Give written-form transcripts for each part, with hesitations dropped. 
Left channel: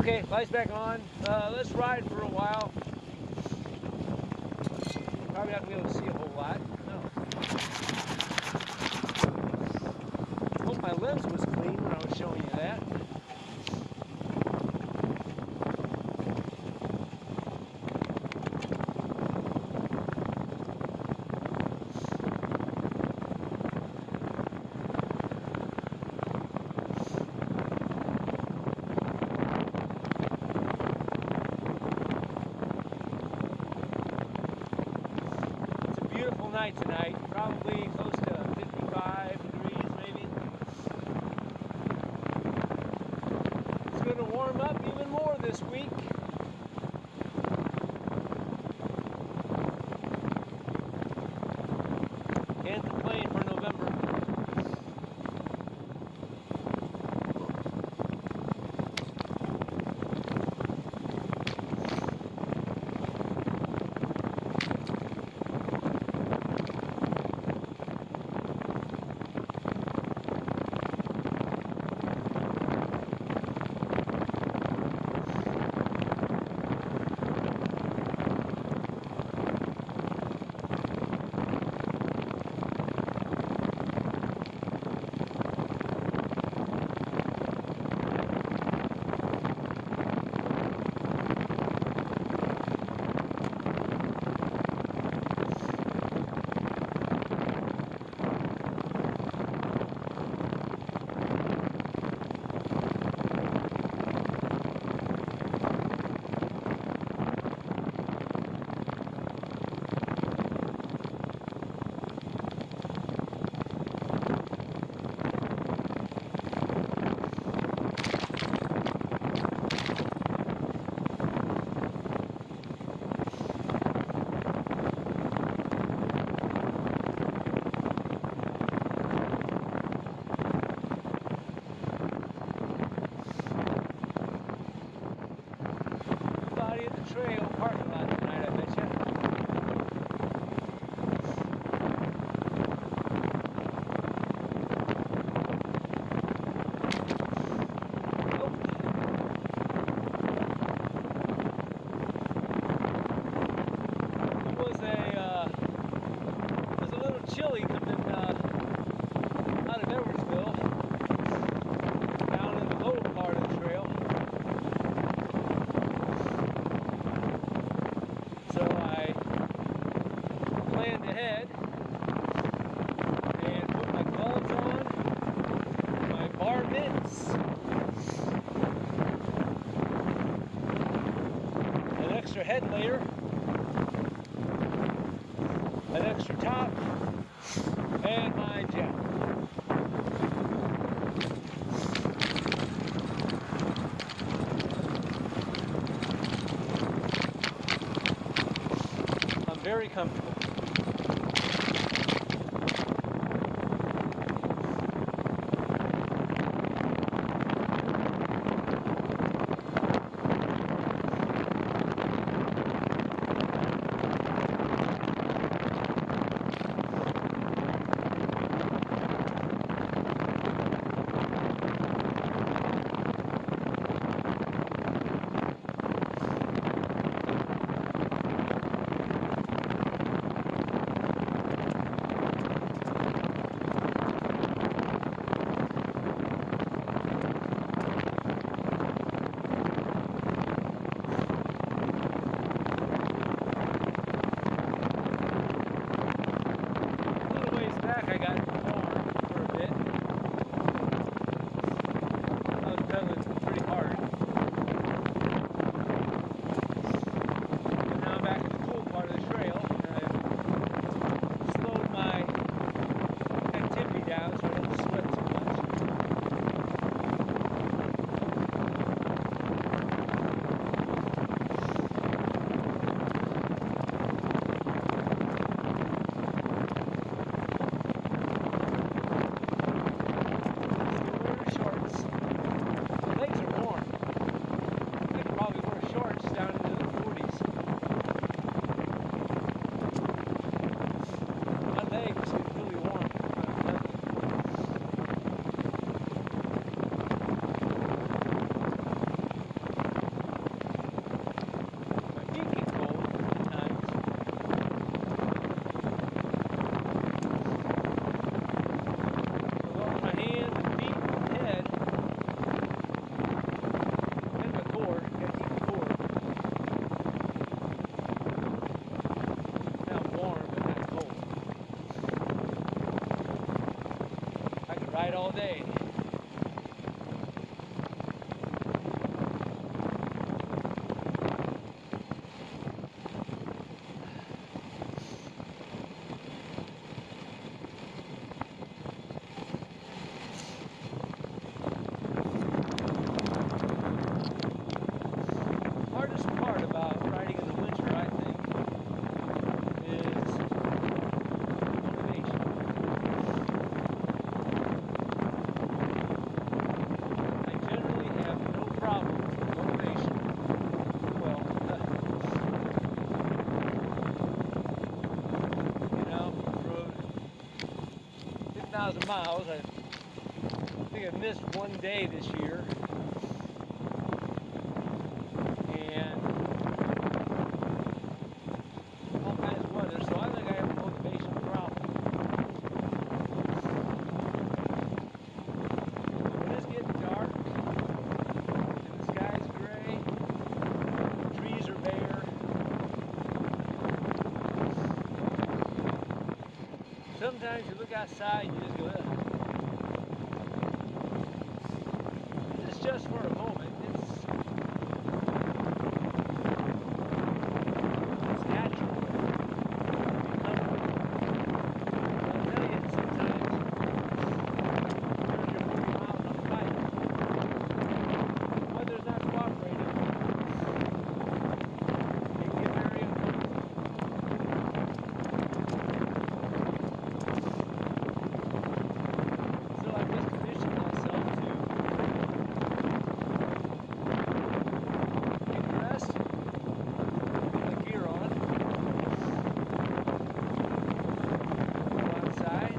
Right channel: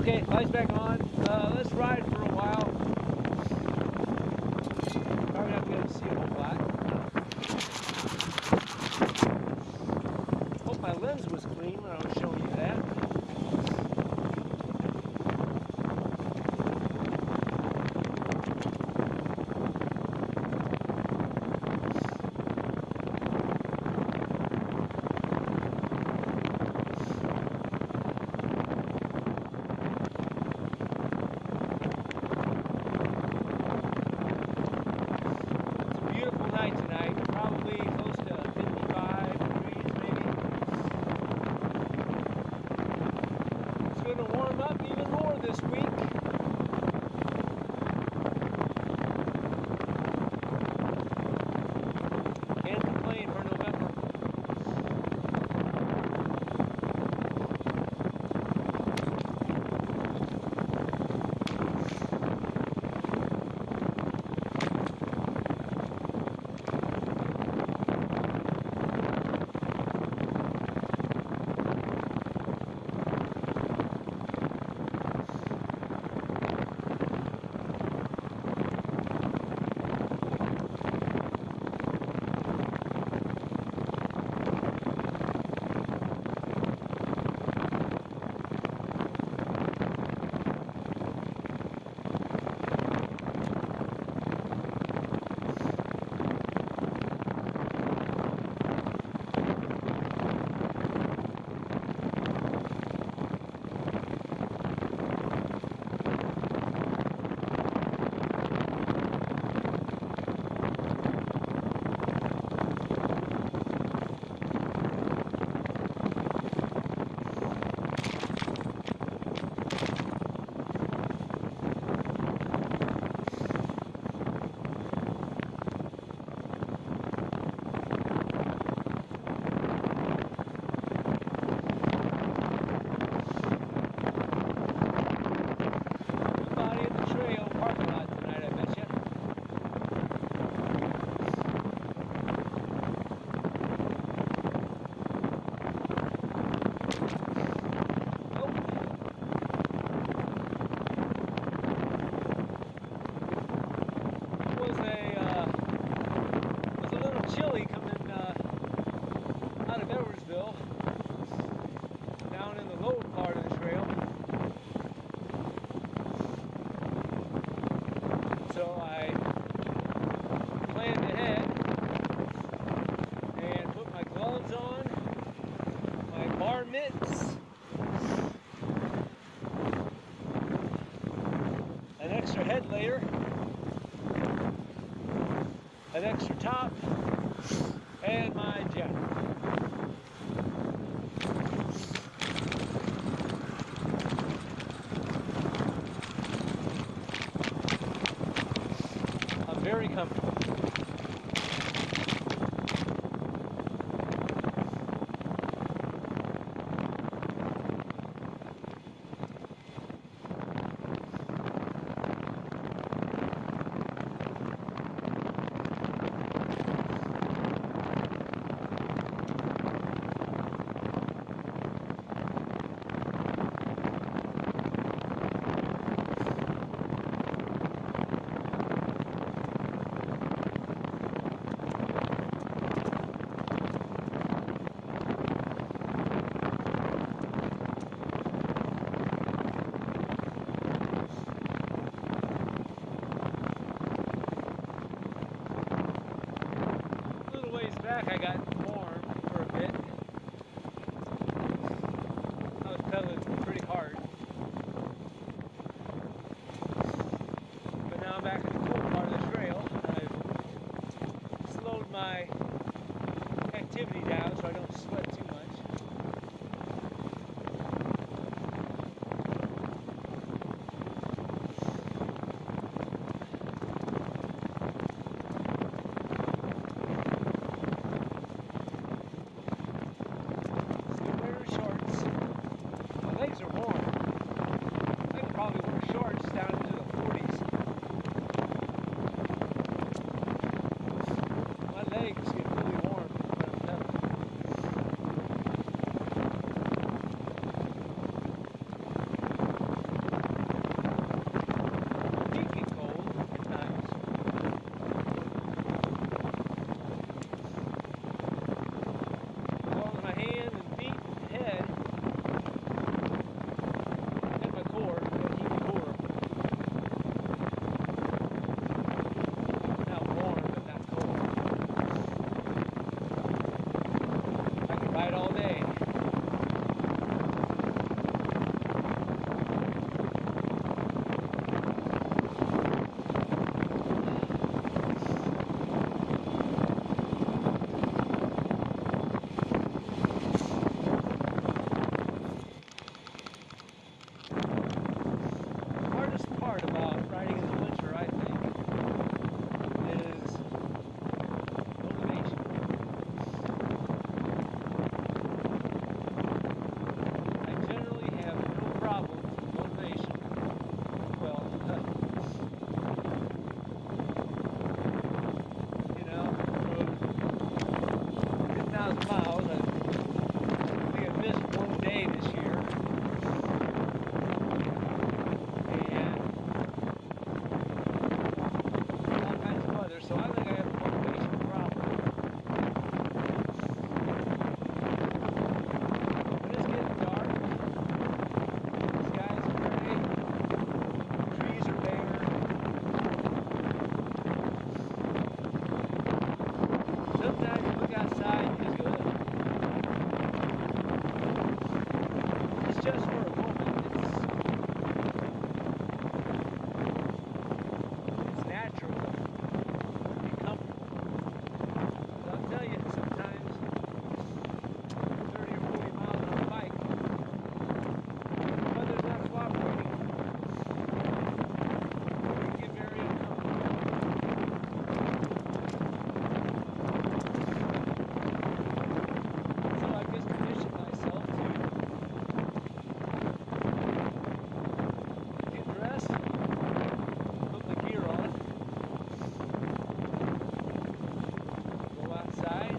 Okay, lights back on. Let's ride for a while. Probably not gonna be able to see a whole lot. Hope my lens was clean when I was showing you that. Beautiful night tonight, probably close to 55 degrees maybe. It's going to warm up even more this week. Can't complain for November. Nobody at the trail parking lot tonight, I bet you. Nope. It was a little chilly coming out of Edwardsville, down in the lower part of the trail. So I planned ahead and put my gloves on, my bar mitts, an extra head layer, an extra top, and my jacket. Very comfortable. Back I got warm for a bit. I was pedaling pretty hard. But now I'm back in the cool part of the trail. I've slowed my activity down so I don't sweat too much. Legs are warm. 2,000 miles. I think I missed one day this year. And all kinds of weather, so I think I have a motivation problem. But it's getting dark. The sky's gray. Trees are bare. Sometimes you look outside and you just go, ugh. It's just for a moment. It's natural. Be comfortable. So I'll tell you, sometimes 30 or 40 miles on a bike, the weather's not cooperating. It can get very uncomfortable. So I've just conditioned myself to get dressed, put my gear on, go outside,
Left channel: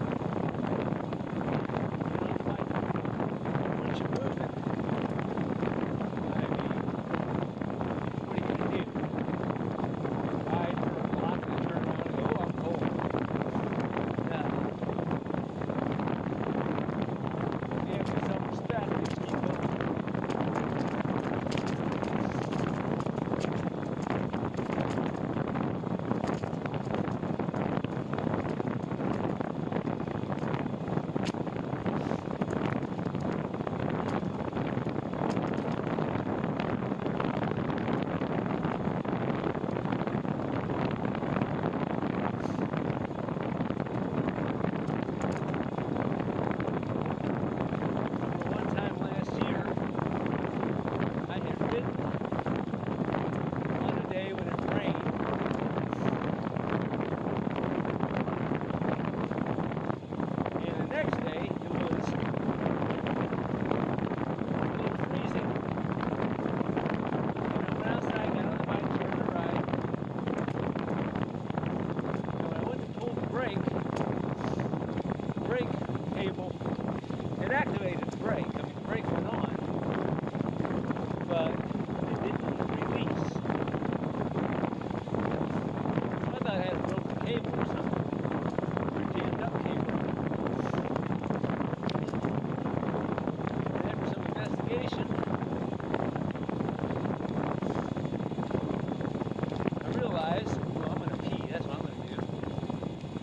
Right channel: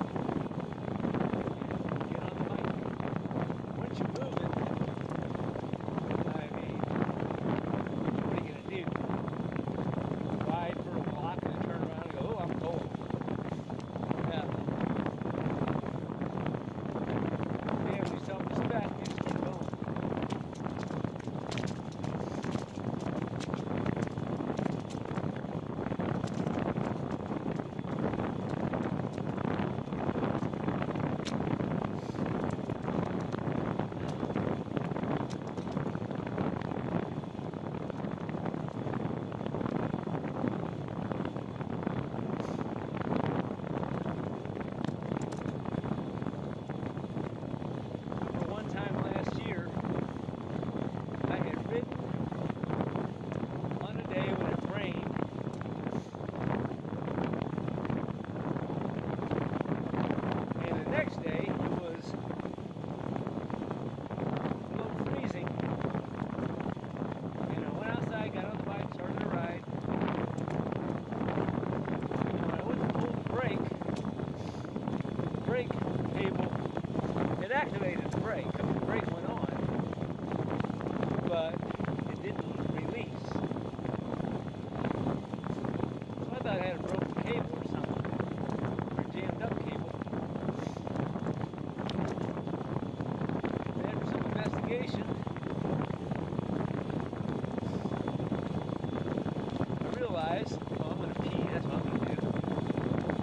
get on the bike. Once you're moving, I mean, what are you going to do? Ride for a block and then turn around and go, oh, I'm cold. No. If you have any self-respect, you just keep going. One time last year, I had ridden on a day when it rained, and the next day it was a little freezing. And I went outside, got on the bike, started to ride, and when I went to pull the brake cable, it activated the brake. I mean, the brake went on, but it didn't release. So I thought I had a broken cable or something, or a jammed up cable. And after some investigation, I realized, well, I'm going to pee. That's what I'm going to do.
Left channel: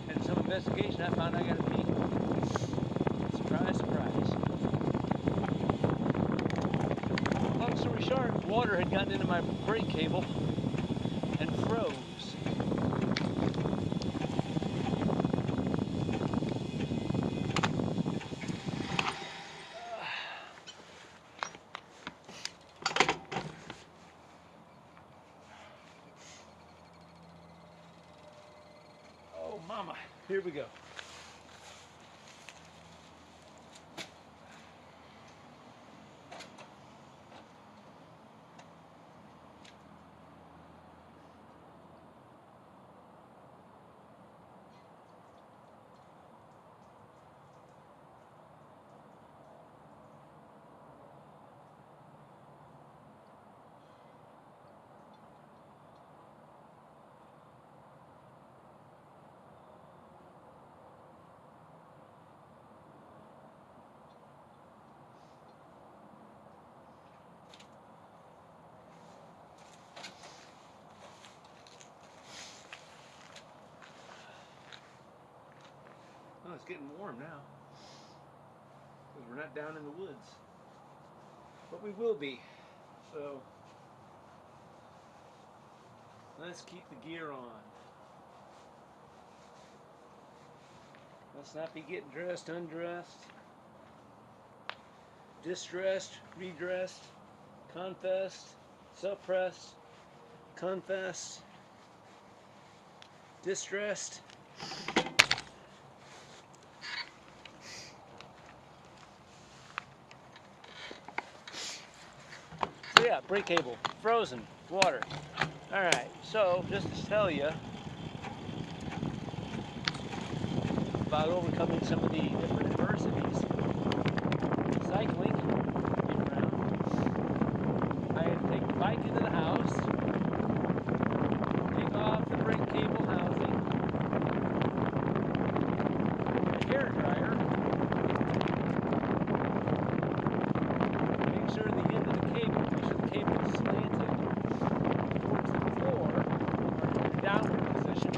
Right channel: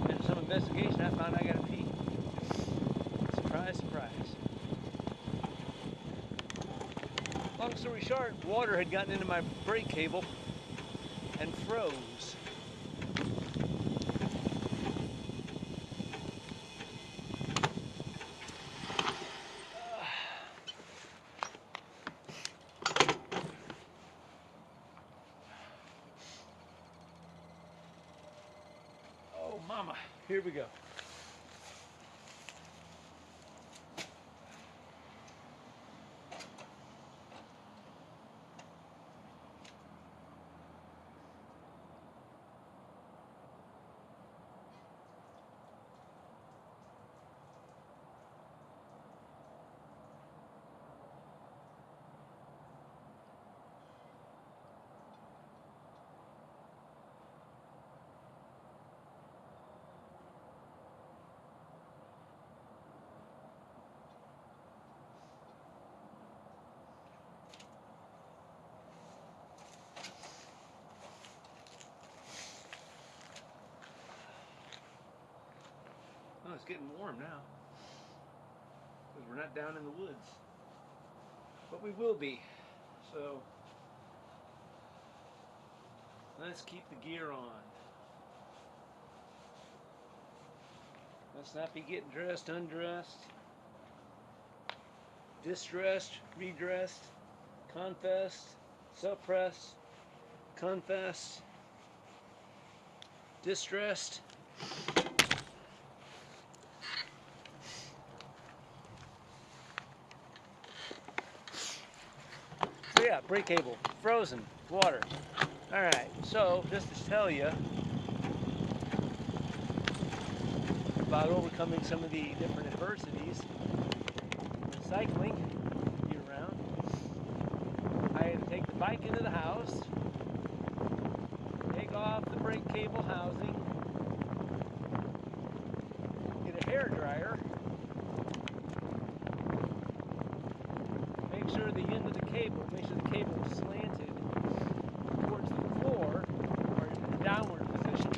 After some investigation, I found I got to pee. Surprise, surprise. Long story short, water had gotten into my brake cable and froze. Oh, mama, here we go. Oh, it's getting warm now, because we're not down in the woods, but we will be. So let's keep the gear on. Let's not be getting dressed, undressed, distressed, redressed, confessed, suppressed, confessed, distressed. So yeah, brake cable, frozen, water. Alright, so just to tell you, about overcoming some of the different adversities. Cycling, get around. I had to take the bike into the house, take off the brake cable housing, get a hair dryer, make sure the end of the cable, make sure the cable is slanted towards the floor or in a downward position,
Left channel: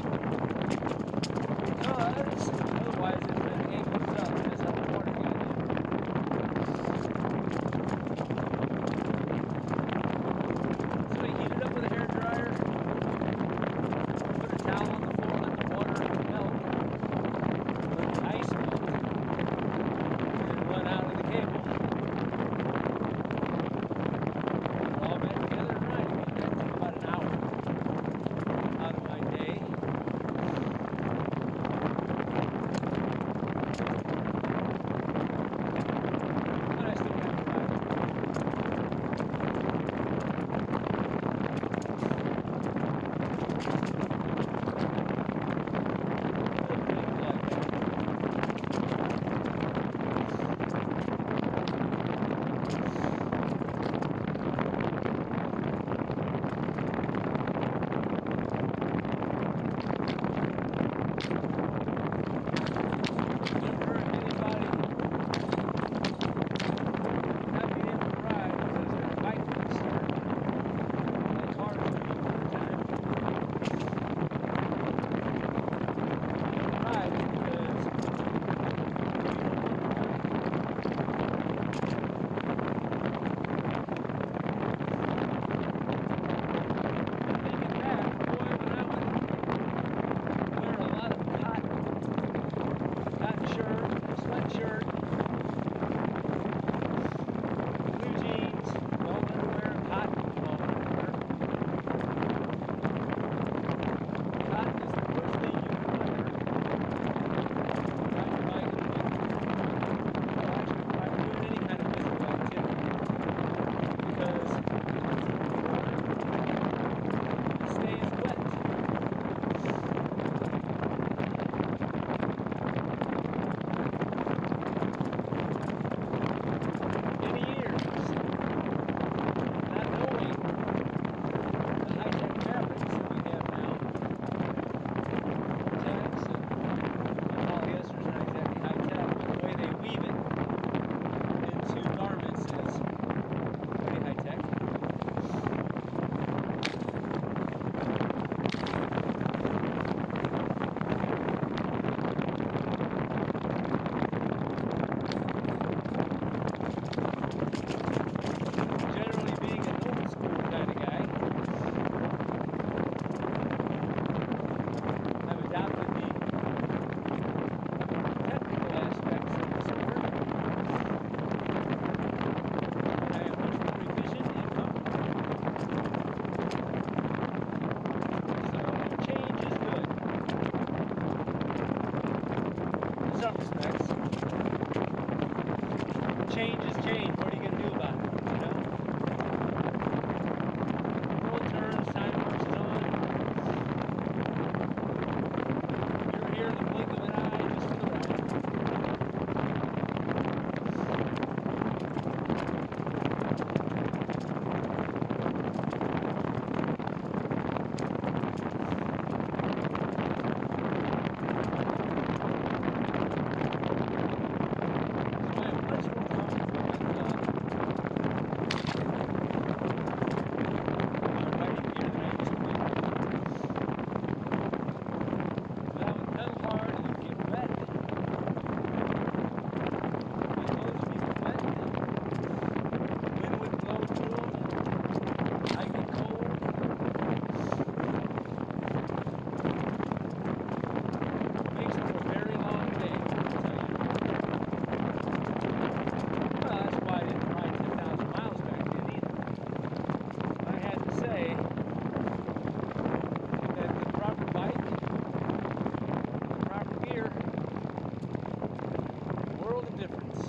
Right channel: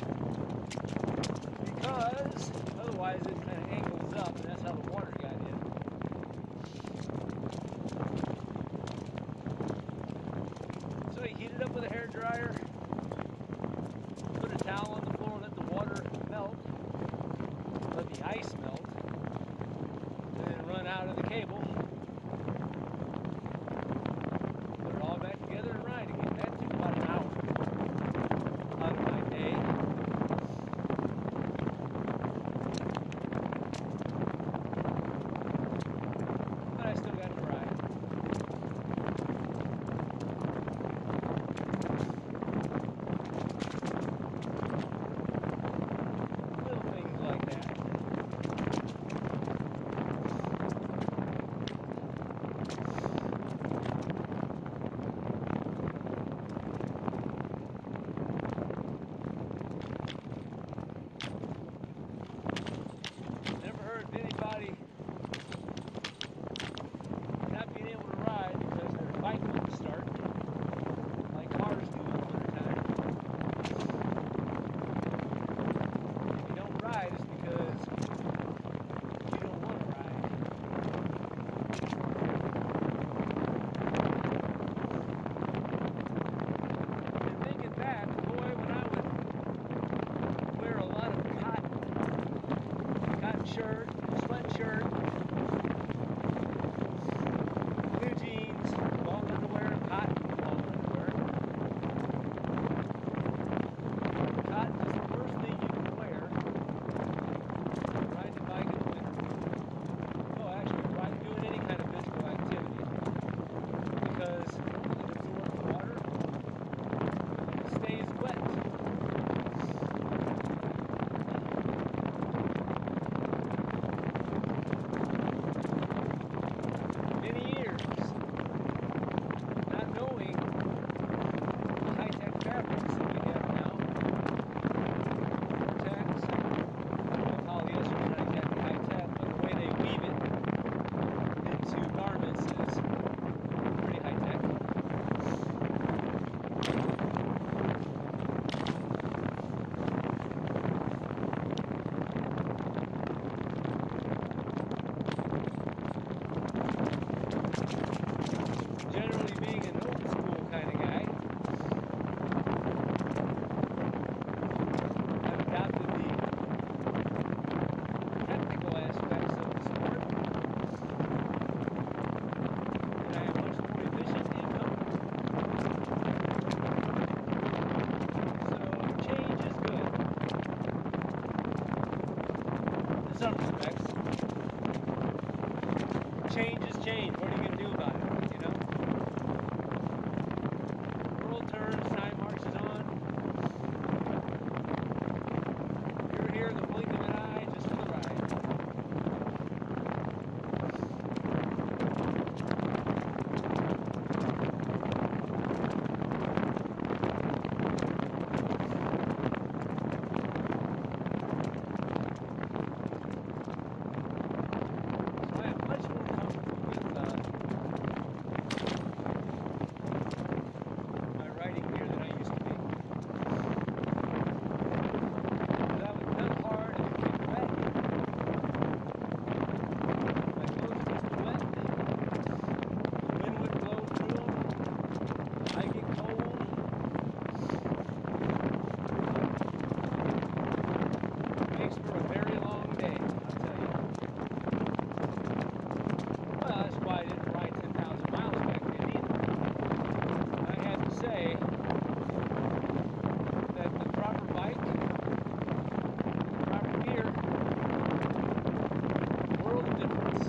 because otherwise it kind of angles up, and that's how the water got in. So I heat it up with a hair dryer, put a towel on the floor, let the water melt, let the ice melt, and then run out of the cable, put it all back together and ride again. That took about an hour out of my day. But I still got to ride. Little things like that. Never heard of anybody not being able to ride because their bike wouldn't start, like cars do in the wintertime. You don't ride because you don't want to ride. And thinking back, boy, when I would wear a lot of cotton shirt, sweatshirt, blue jeans, long underwear, cotton long underwear. Cotton is the worst thing you can wear riding a bike in the winter. Oh, actually, doing any kind of physical activity, because it absorbs water, it stays wet. Many years not knowing the high-tech fabrics that we have now. Vortex and polyester is not exactly high-tech, but the way they weave it into garments is pretty high-tech. Generally being an old school kind of guy, I've adopted the technical aspects of the sport, and I am much more efficient and comfortable. So change is good in some respects. Change is change. What are you going to do about it? You know? The world turns, time marches on. You're here in the blink of an eye just for the ride. So I am much more comfortable with my riding gear than I used to be. Because I would pedal hard and it'd get wet. My clothes would get wet. The wind would blow through them. I'd get cold. Makes for a very long day, I'll tell you. Well, that's why I didn't ride 10,000 miles back then either. And I have to say that the proper bike, the proper gear, world of difference.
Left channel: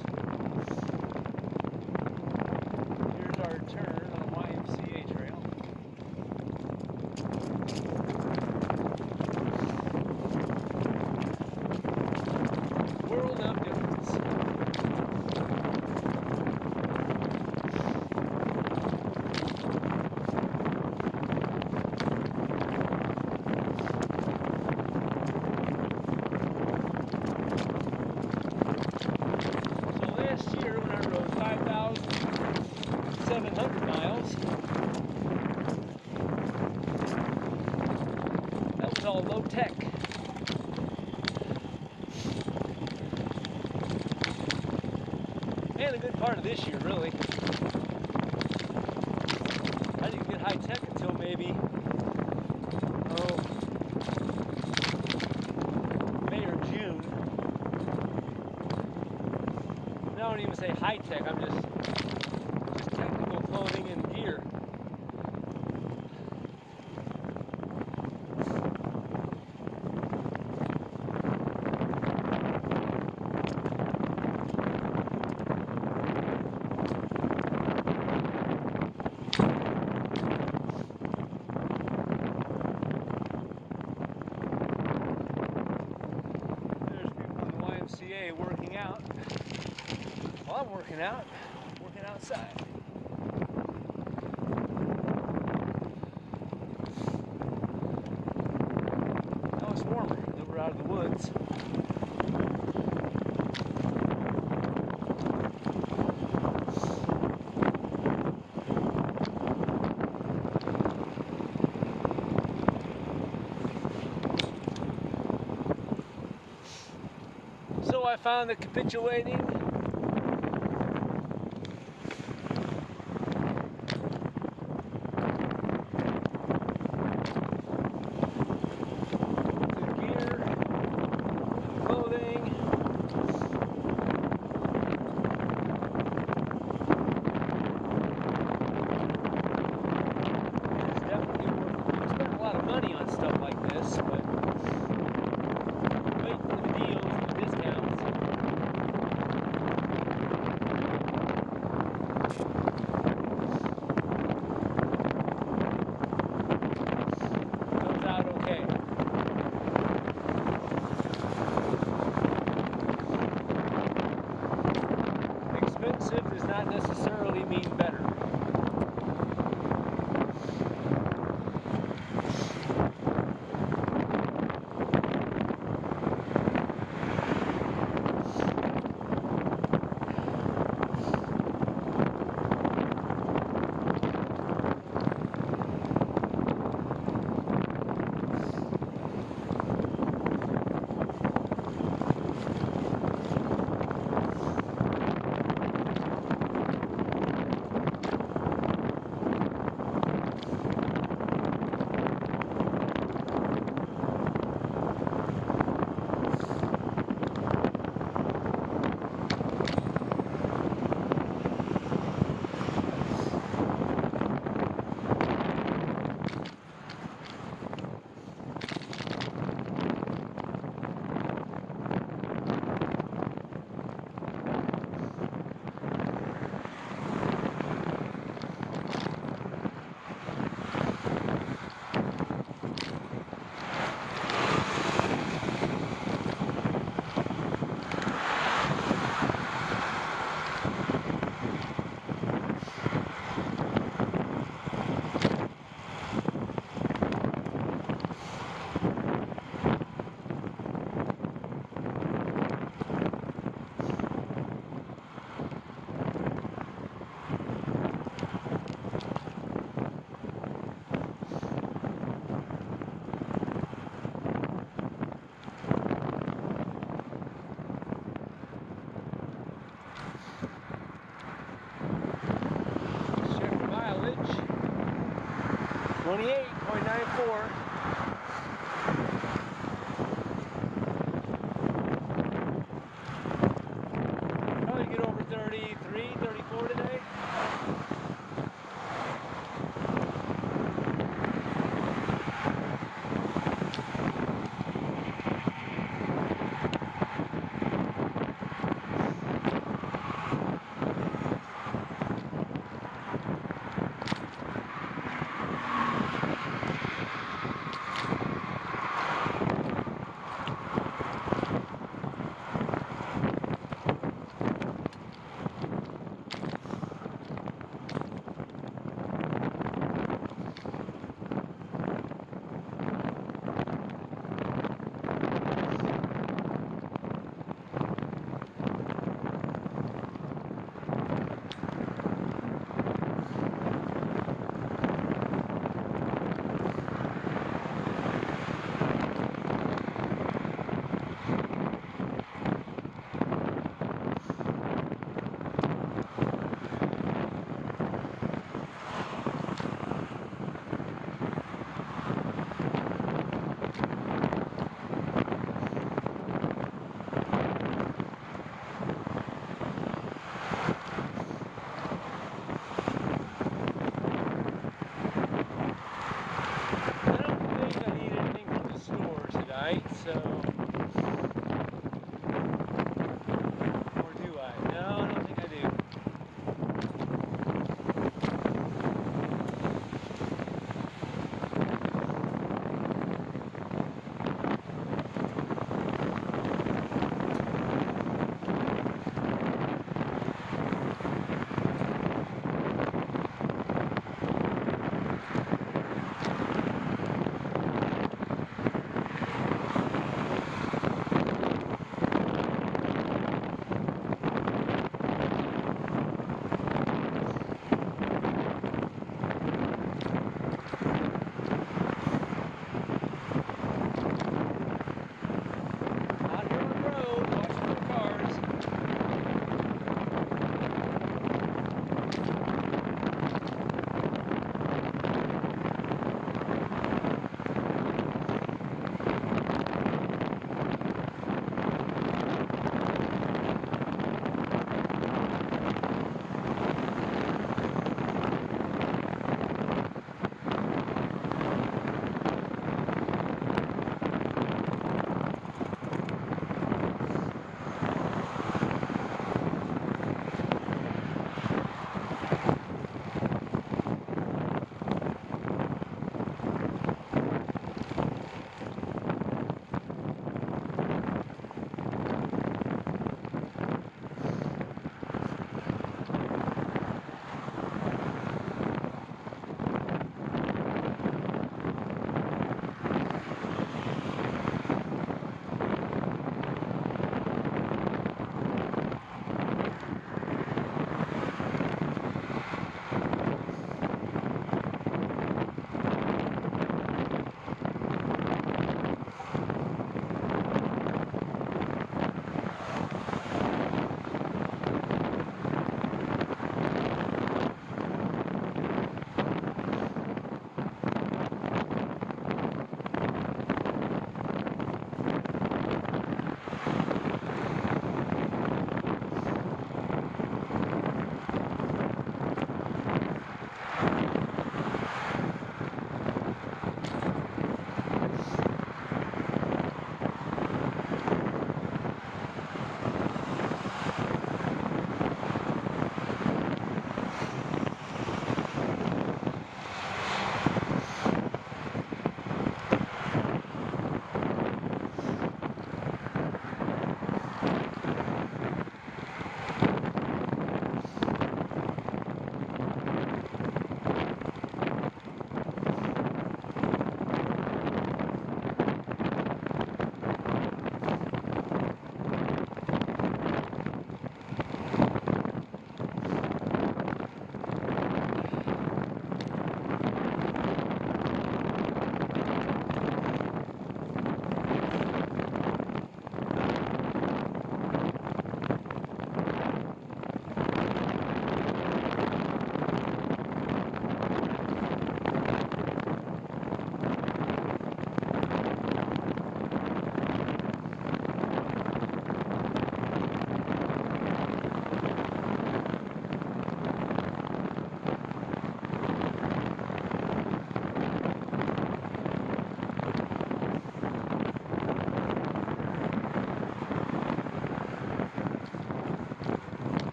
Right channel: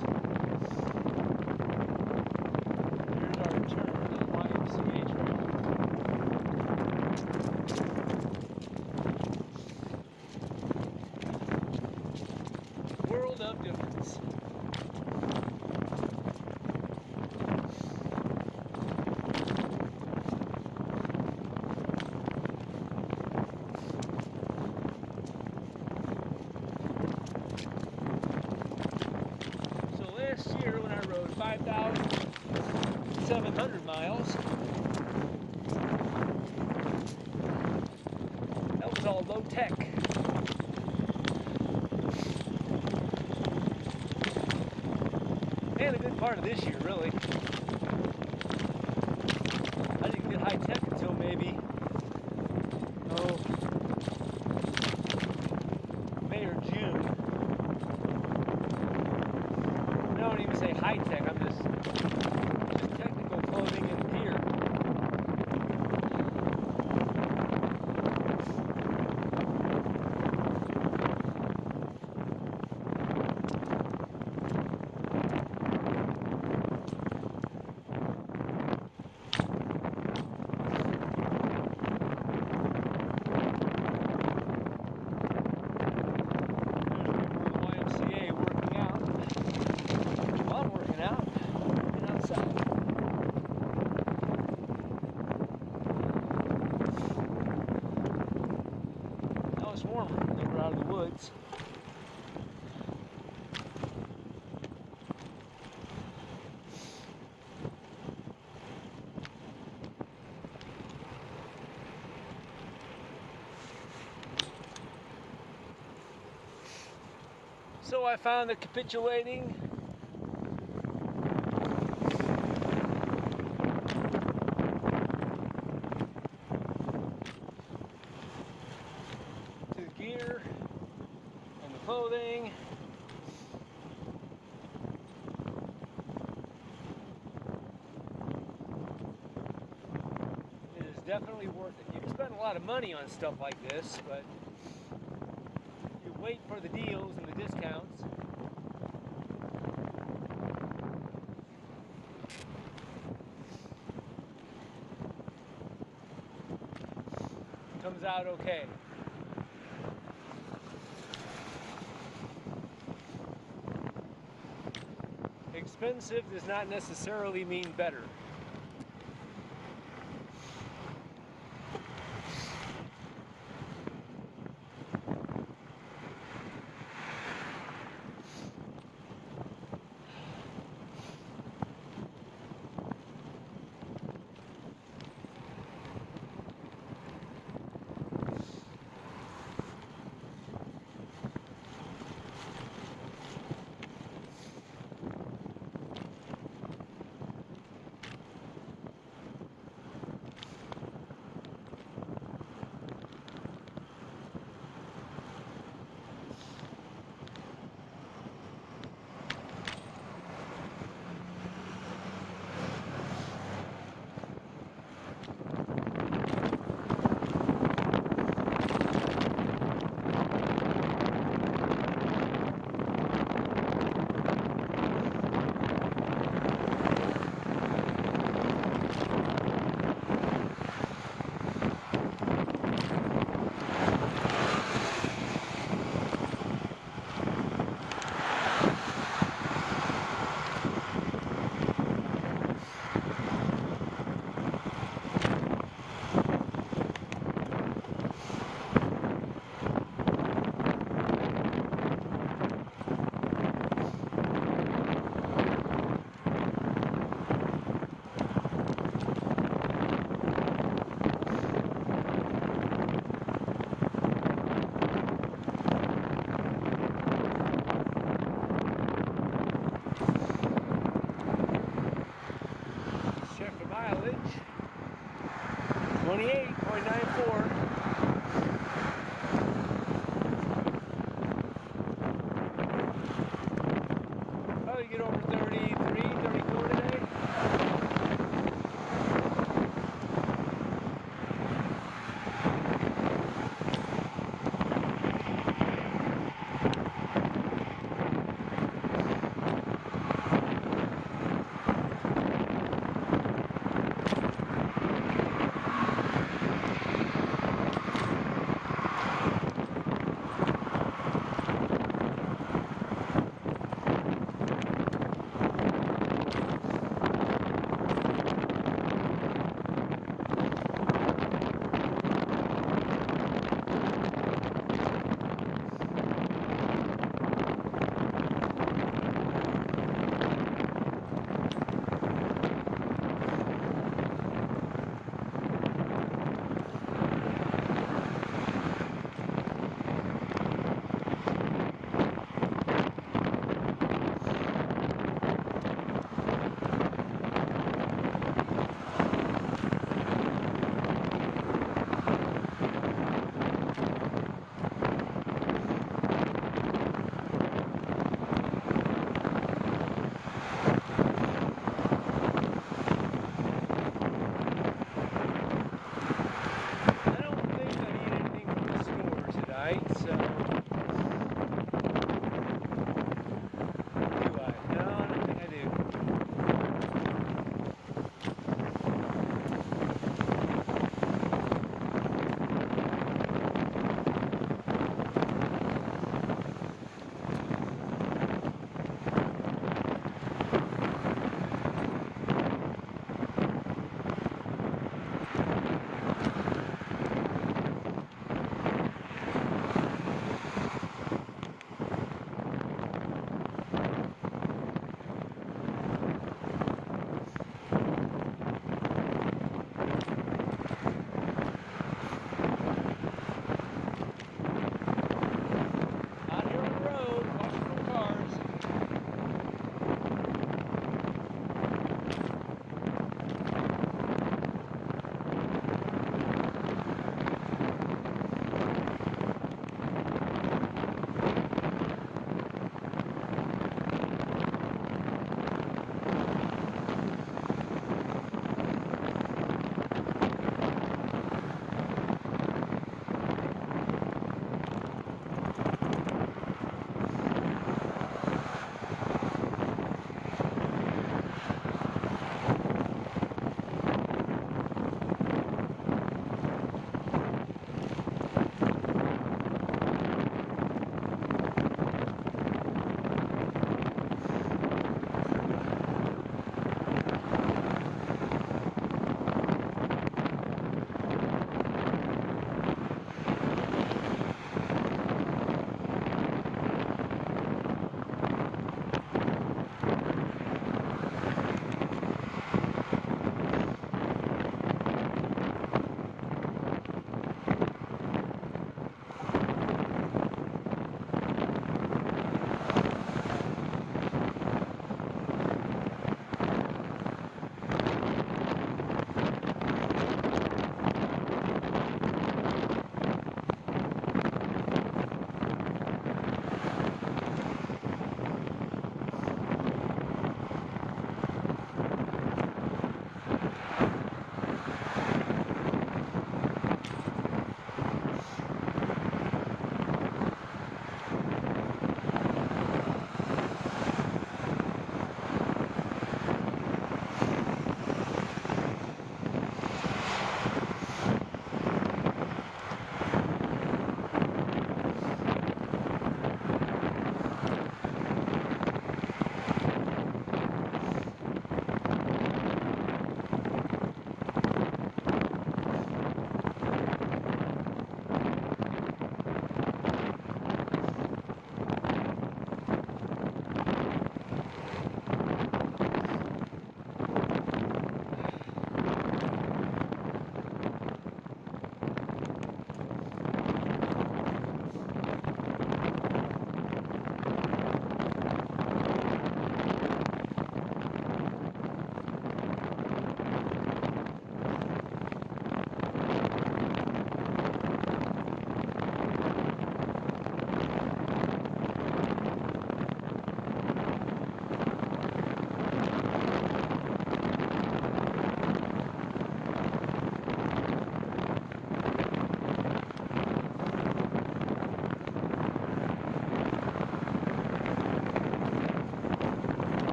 Here's our turn on the YMCA trail. 700 miles. That was all low tech. And a good part of this year, really. I didn't get high tech until maybe, May or June. I don't even say high tech, I'm just technical clothing and gear. Working out. Well, I'm working out. I'm working outside. Now it's warmer that we're out of the woods. So I found that capitulating to gear, clothing, is definitely worth it. You can spend a lot of money on stuff like this, but wait for the deals and the discounts. Comes out okay. Expensive does not necessarily mean better. Check the mileage. 28.94. Probably get over 33, 34 today. So, or do I? No, I don't think I do.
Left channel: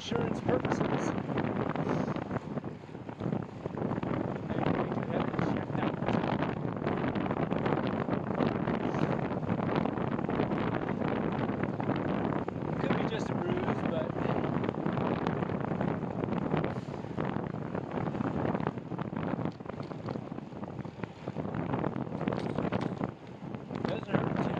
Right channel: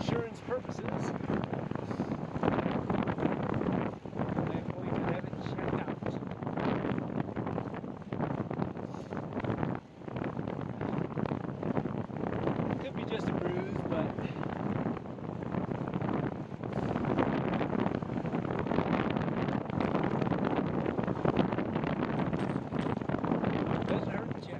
insurance purposes, I'm going to have it checked out. Could be just a bruise, but doesn't hurt to check.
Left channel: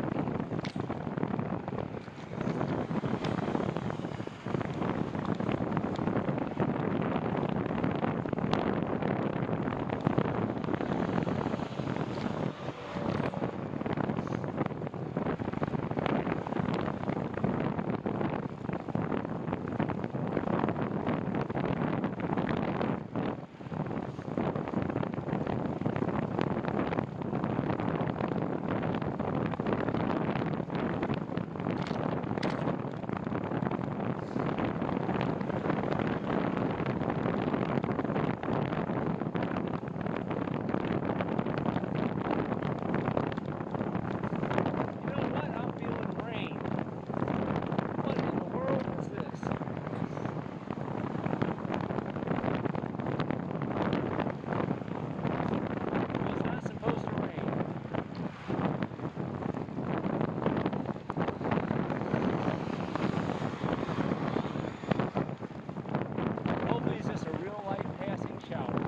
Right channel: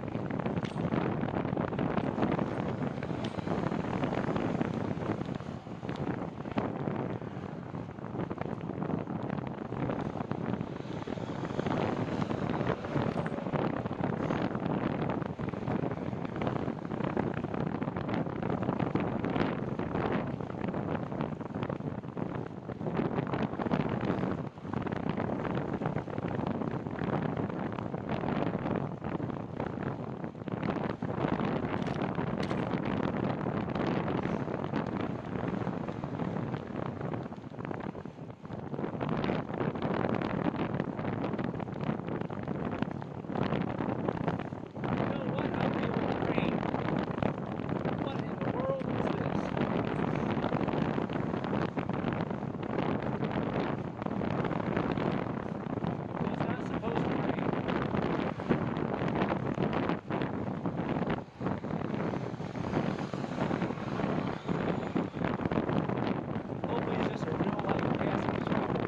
Hopefully it's just a real light passing shower.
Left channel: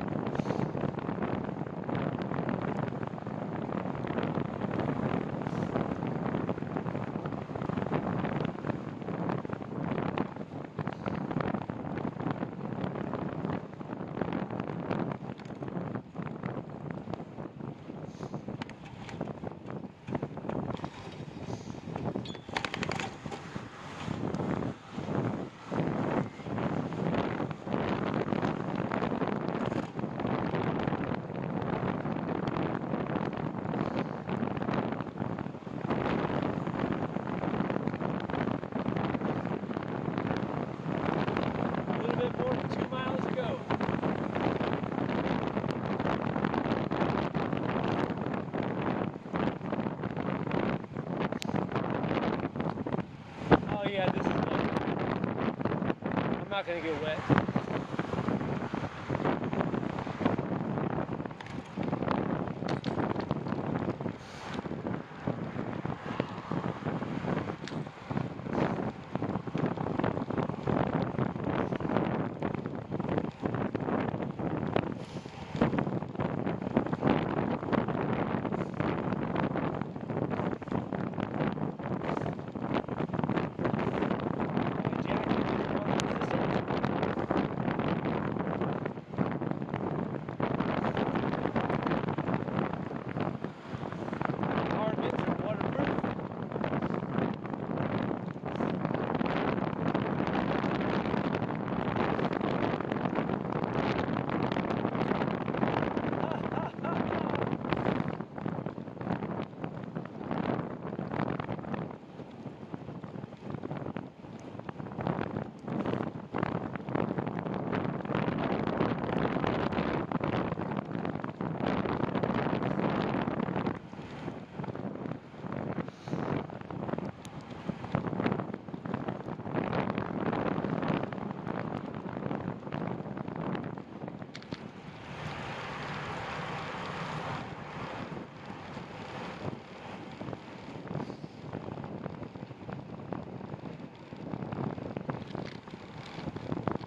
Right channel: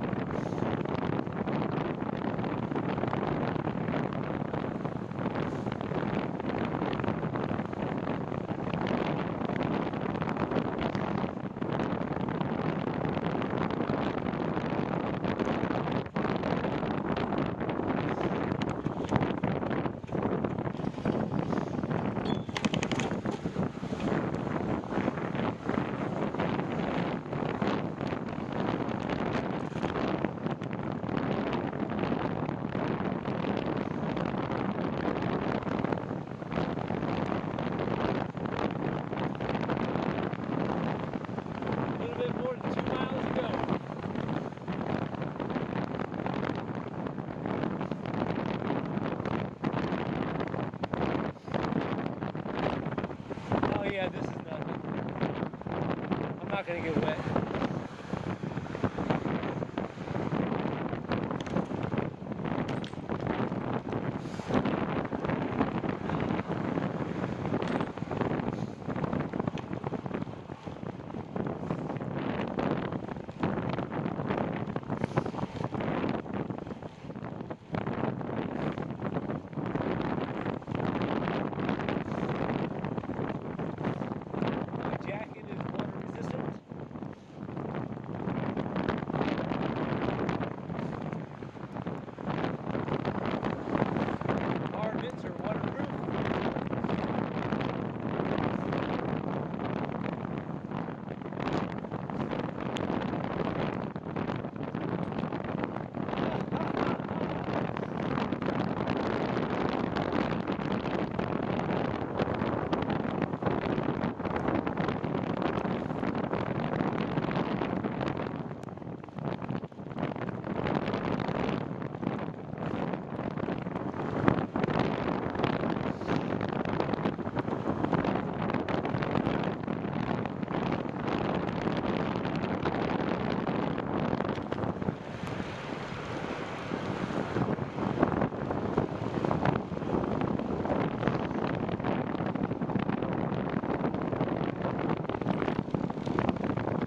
More than 2 miles to go. Oh yeah, this is nothing. I'm not gonna get wet.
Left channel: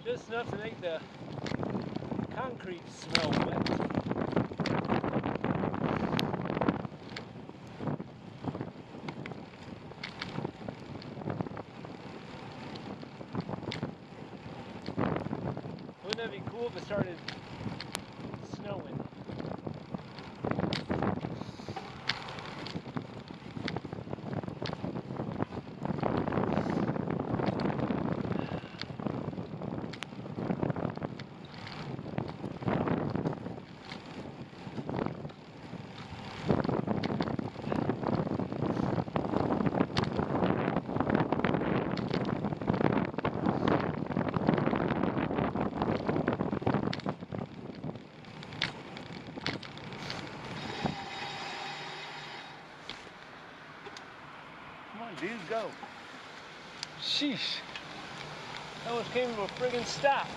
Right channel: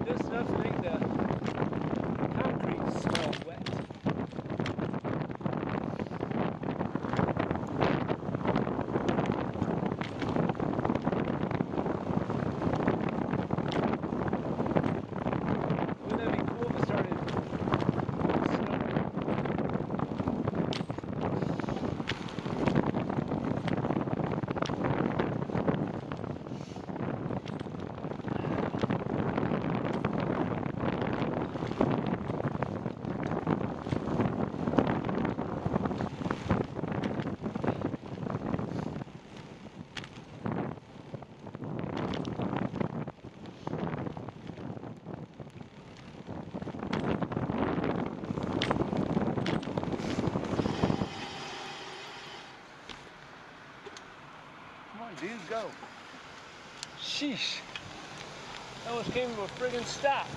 Just enough to make the concrete smell wet. Wouldn't that be cool if it started snowing? Come on, dude, go. Sheesh. I almost came to a friggin' stop.